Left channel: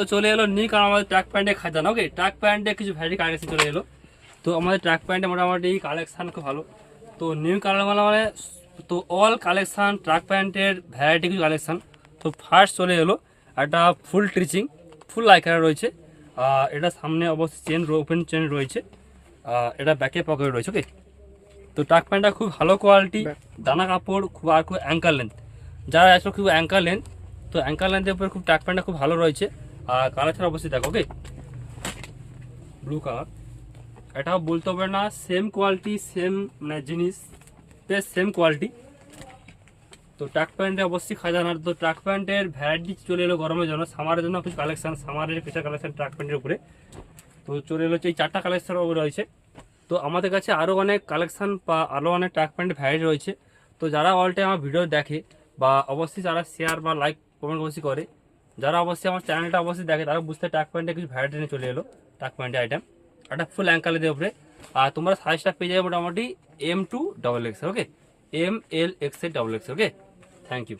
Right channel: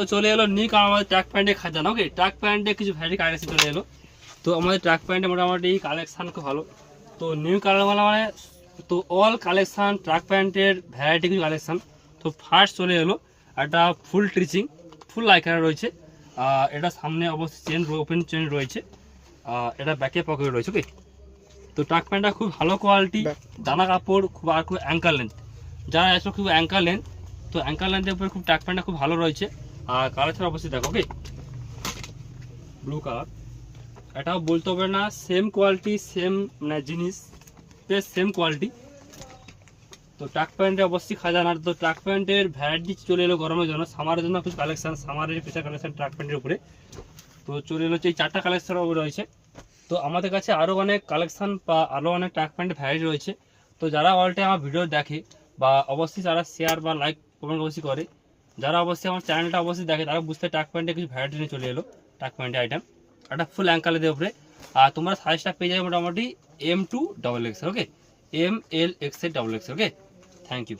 তো চলে এলো নিউ কালার আমাদের ট্র্যাক প্যান্টে খাজানা। ওকে, ট্র্যাক প্যান্টে কিছু ভ্যারাইটি কালেকশন চলে এলো। তো আমাদের ট্র্যাক প্যান্টে মোটামুটি কালেকশান খুব ভালো। তো নিউ কালার মানে তো অল কালেকশান ট্র্যাক প্যান্টের ভ্যারাইটি কিছু কালেকশান। তো ফার্স্ট চলে এলো একটা ফুল ট্রিচিং, ফুল লাইকার রয়েছে। এটা সামনে অবশ্যই চেন, ওপেন চেন রয়েছে। এটা ব্যাকে পকেট রয়েছে। ওকে, তো ট্র্যাক প্যান্টটা খুব ভালো কোয়ালিটি, দানা কাপড় খুব, আর খুব অ্যাঙ্কার লেন্থ। যারা আসলে খুব অ্যাঙ্কার লেন্থ, তো অ্যাঙ্কার লেন্থের উপরে খুব ট্র্যাক প্যান্টটা খুব ভালো রয়েছে। আর কালারটা অবশ্যই দেখো। ওকে, ব্লু কালার, এটাও বলতে হবে না, সেম কোয়ালিটি, সেম মানে জিনিস, সেম কোয়ালিটি। তো ট্র্যাক প্যান্টে অবশ্যই খাজানার। তো ট্র্যাক প্যান্টের ভ্যারাইটি চলে এলো গরমের জন্য, সামারের জন্য কিছু কালেকশন, সামারের কিছু কালেকশন ট্র্যাক প্যান্টের উপরে। তো চলে এলো এই 4টা কালেকশন রয়েছে। তো আমাদের কাছে আরও অনেক কালেকশান বা আরও অনেক ট্র্যাক প্যান্টের ভ্যারাইটি রয়েছে। তো যারা অল টাইম আমার ভিডিও দেখে বা অবশ্যই যারা শেয়ার বা লাইক কমেন্ট অবশ্যই করে, যারা অবশ্যই আমার চ্যানেলটা অবশ্যই দেখে, তারা বুঝতে ট্র্যাক প্যান্টে কিছু ভ্যারাইটি নিয়ে চলে এলো। ট্র্যাক প্যান্টের আইটেম একটা ফুল অ্যাঙ্কালের উপরে। আর তোমরা সাইজটা পেয়ে যাবে মোটামুটি M2 XXL। Okay, ML XL XXL। Okay, thank you.